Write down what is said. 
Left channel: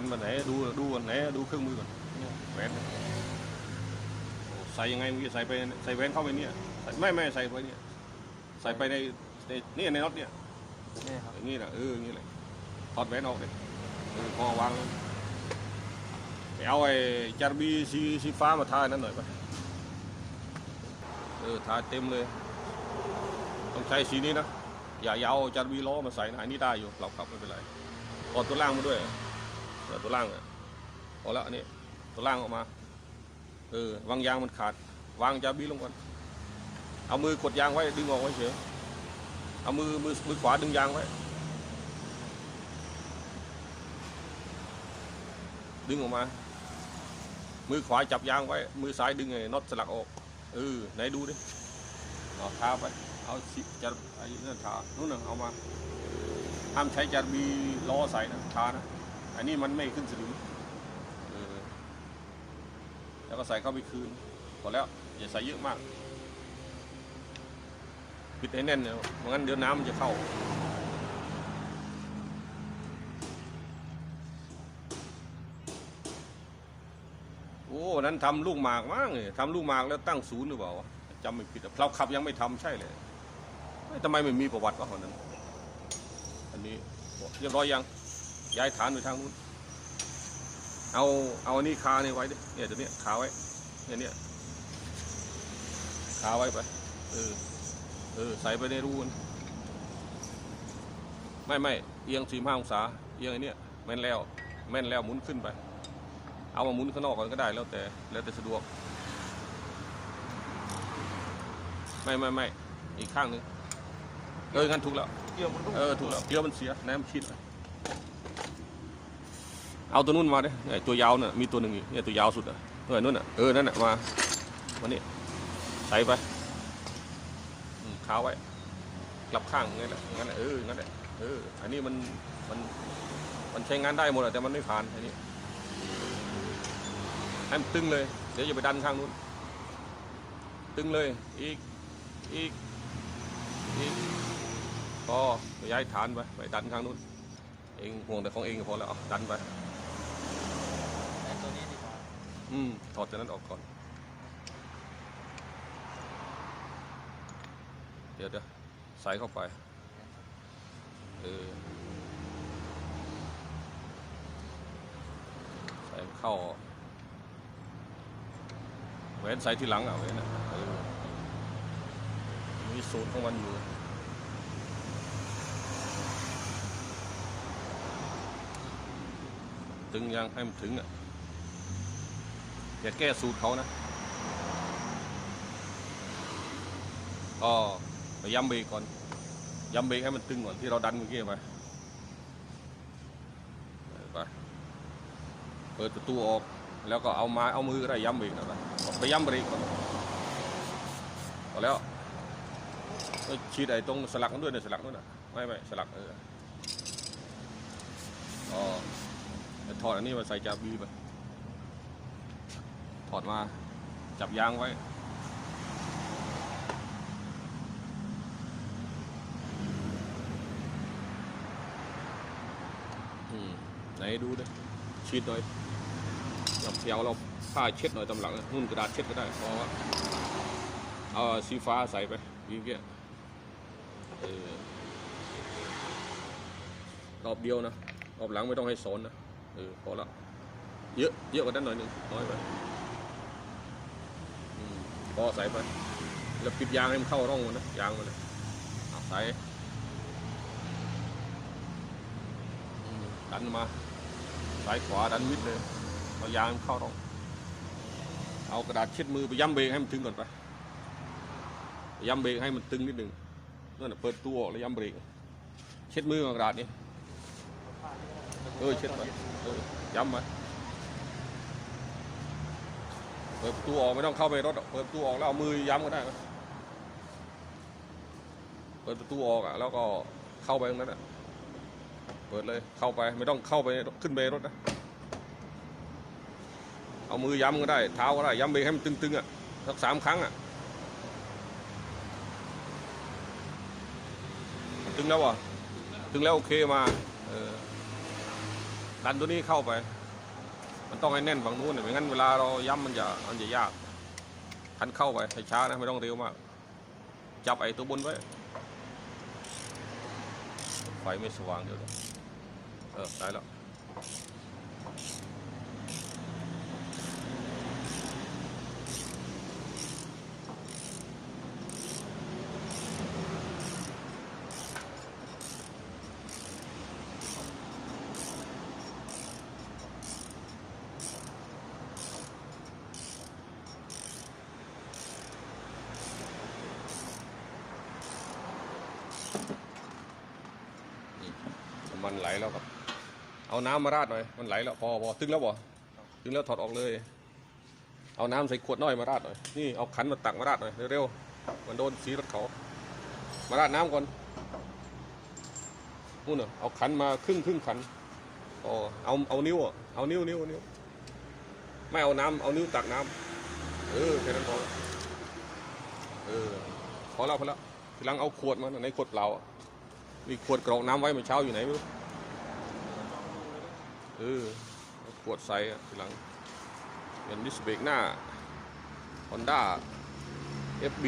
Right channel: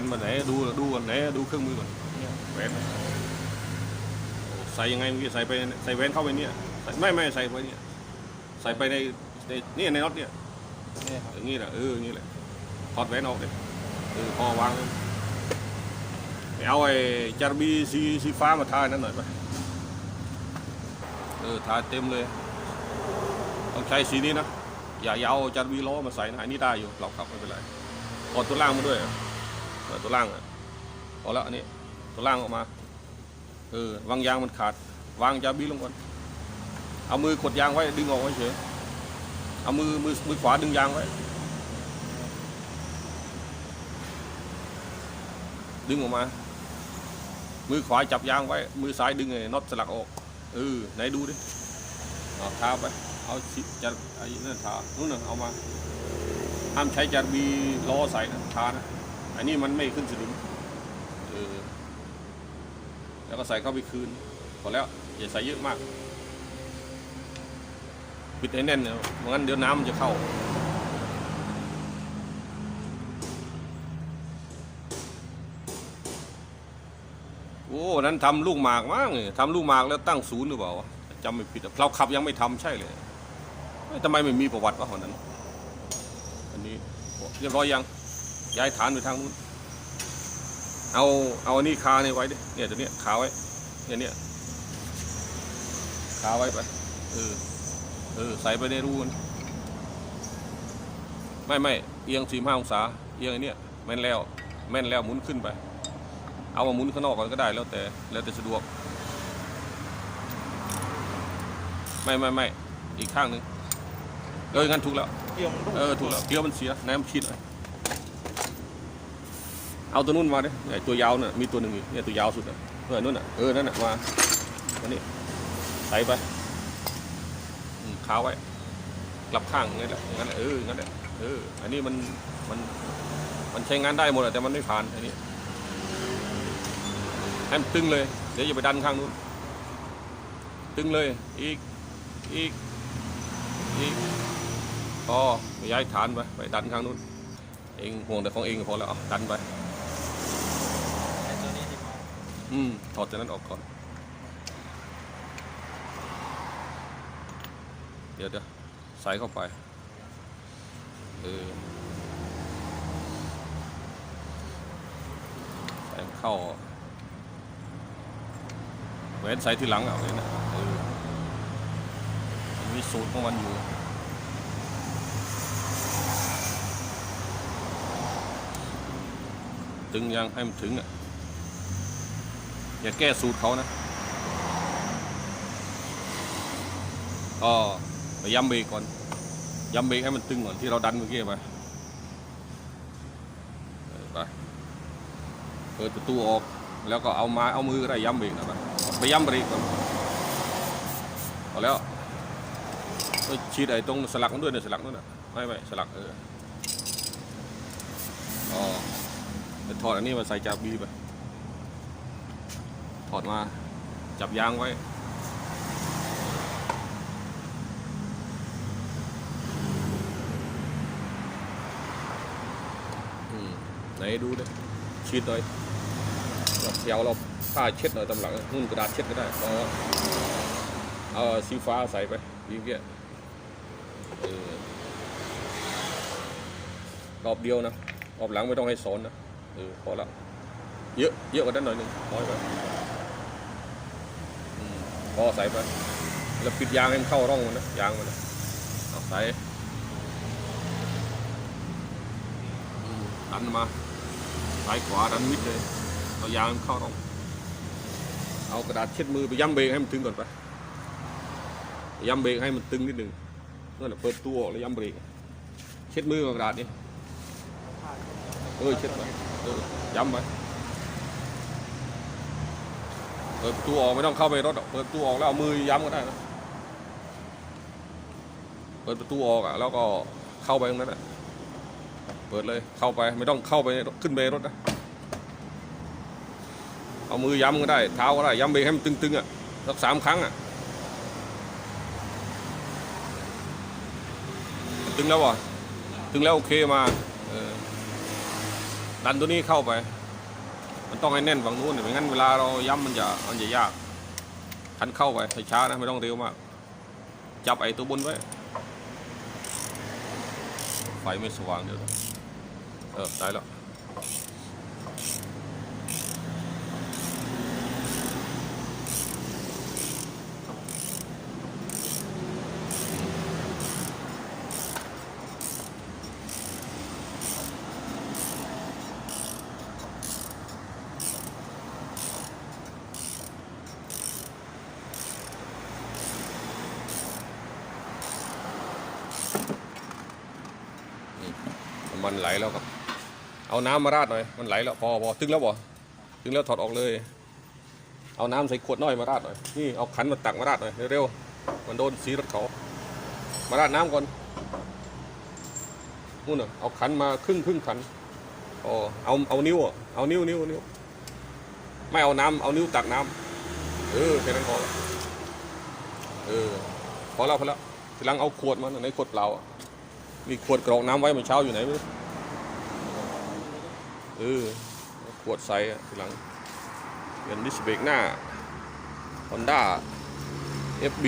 นมาไหนดูดูก่อนไหนดูเครื่องมือก่อนเนี่ยแหวนใส่ยังไงเมื่อกี้ใส่ไปใส่แหวนเข้าไปเนี่ยใส่ไม่ไม่ใส่ไปเนี่ยใส่ไปในในเนี่ยในน็อตเนี่ยนี่ครับอย่างนี้แหละเอออย่างนี้แหละถอดแหวนออกเนี่ยเออพอวางไปเอาไอ้จารบีสีสีฟ้ามาทานั่นหน่อยไปเออทาเต็มเลย ต้องใช้สีนี้นะอย่าอย่าเอาจารบีล้อมาใส่นะอันนี้ได้อยู่เราขับไม่เป็นไรถอดตัวล่างมาด้วยอะเออ ตัวล่างเอาละอันนี้ตัวล่างออกมาเออวางยางมันขาด วางจาบีลงก่อนเอามือกดยางไว้ดึงออกไว้เฉยเอามือมือมือขวาดึงยางไว้ดึงออกมา มือขวาจับยางไว้ มือซ้ายดึงไอ้น็อตสลักออกเออไหนดูดิเอาทาไปเอาสิจะไอ้นั่นทานู่นน่ะเอามาห้ามใช้จารบีล้อใส่นะทานะ อันนี้มันไม่ขึ้นสนิมเออแล้วก็ใส่เข้าไปคืนพอแล้วอย่าใส่เยอะมาก ปิดให้แน่นนะไม่งั้นเดี๋ยวน้ำมันจะเข้าโอ้นั้นทำลูกหมากมั้งนี่ทำลูกหมากแล้วตั้งศูนย์หรือเปล่าจำไม่ผิดอะเราขับยังไม่ทำใช่เลยเอ้ยทำไมไม่มีประวัติวะคนนั้น อันนี้เรียบร้อยยัง ย้ายฐานไปทางนู้นเอาเอาอันนี้คาเนี่ยไว้ดิเนี่ยตัวเนี้ยขาไว้เนี่ยเนี่ยคาไว้ไปเออเออใส่ไปในรูนไม่ไม่เอียงสี่ห้าองศาเอียงไอ้เนี่ยแม่นแล้ว แม่นแล้วหมุนขึ้นไป เอามาหมุนข้างนอกก่อนก็ได้แล้วแต่แล้วแต่สะดวก ไม่ไม่ไม่อีกข้างหนึ่งเอองั้นถูกแล้วเกี่ยวมันก็เออถูกแล้วเกี๊ยวมันเสียน้ำชิดเลย เอาตัวนู้นมาดิไอ้ตัวยาวน่ะมีตัวหนึ่งอยู่เนี่ยตัวยาวสุดเลยเออนั่นน่ะเออนั่นน่ะมาอันนี้ใส่ไปขาวไว้กลับข้างนี่แหละงั้นเอองั้นแหละเอออันนี้มันมันมันใช้งานได้หมดแต่มันไม่ผ่านอันนี้ให้มันตึงเลยเดี๋ยวอย่าไปดันข้างนู้นตึงเลยอีกอีกอีกพอย้ายฐานไปไปดันข้างนู้นเองห่วงแต่ของเองก็พอแล้วเอดันไป อืมถอดจากนั้นออกก่อน เดี๋ยวเดี๋ยวใส่เข้าไปเออใส่เข้าแหวนใส่ที่หลังเอาเลยนะมีสูตรของมันอยู่ตึงยังให้มันถึงอะ อย่าแก้สูตรเขานะอ๋อไปย้ำเบรกก่อนย้ำเบรกให้มันตึงก่อนที่เราดันเมื่อกี้ไปไปเปิดประตูออกแล้วก็เอามาเอามือก็ได้ย้ำเบรกไปไปย้ำเบรกก่อนเอแล้วไปชีดไอ้ตรงสลักมันด้วยเนี่ยสลักนั่นน่ะไม่ไม่สลักเอออ๋อจะถอดอันนี้มาใส่จากบีไป ถอดมา จับยางไว้ ไหนดูดิชีดหน่อยกับเสียวเราผ้าเช็ดหน่อยตำหลังนุ่นกระดาษเช็ดก็ได้เอาเอาสีฟ้าใส่ไปดีเกี้ยเออรอบเดียวนะรอบหลังไม่ต้องให้สอนนะเออพอละเยอะเยอะกว่านั้นหน่อยนึงน้อยไปอืมพ อใส่ไปแล้วปิดยางให้มันเข้าร่องมันนะยางมันเอาใส่ดันมาซ้ายขวาดันมิดเลยเอายางเข้าร่อง เอากระดาษเช็ดมือไปย้ำเบรกให้มันตึงก่อนไปย้ำเบรกให้มันตึงนิดหนึ่งนั่นแหละเปิดตัวแล้วย้ำเบรกเช็ดมือกับกระดาษนี่เออเช็ดไปเออย้ำไป เปิดประตูออกไม่ต้องเข้าไปรถหรอกเปิดประตูออกแล้วเอามือย้ำก็ได้นะเปิดประตูออกอะแล้วก็เข้าไปตรงนั้นอะเปิดเลยเข้าไปไม่ต้องเข้าไปขึ้นไปรถนะเอามือย้ำก็ได้ เท้าก็ได้ย้ำเบรให้มันตึงๆอะสักสามครั้งอะตึงแล้ววะตึงแล้วโอเคมาดันตัวนี้เข้าไป มันต้องให้แน่นฝั่งนู้นไม่งั้นเวลาเราย้ำมันจะมันจะยากคันเข้าไปให้ช้านะไม่ต้องเร็วมาก จับไอ้ตัวบนไว้ ไฟไม่สว่างเดี๋ยวเออได้แล้ว มันไหลแล้วครับ เอาน้ำมาราดหน่อย มันไหลแล้วพอพอตึงแล้วบ่ตึงแล้วถอดออกเลย เอาน้ำใส่ขวดน้อยมาราดหน่อย นี่เอาขันมาตักมาราดหน่อยเร็วๆ มันโดนสีรถเขา มาราดน้ำก่อนนู่นน่ะเอาขันมาครึ่งครึ่งขันอ๋อเอาเอานิ้วอะ เอานิ้วนิ้วนิ้ว ไม่เอาน้ำเอานิ้วตักน้ำเออแค่นั้นพอเออพอแล้วพอแล้วทีหลังเอาขวดมาในขวดเปล่ามีขวดกรอกน้ำไว้เมื่อเช้าอยู่ไหนไม่รู้ เออขวดไซส์ทีหลังเป็นดิสเบรกหน้า Honda FB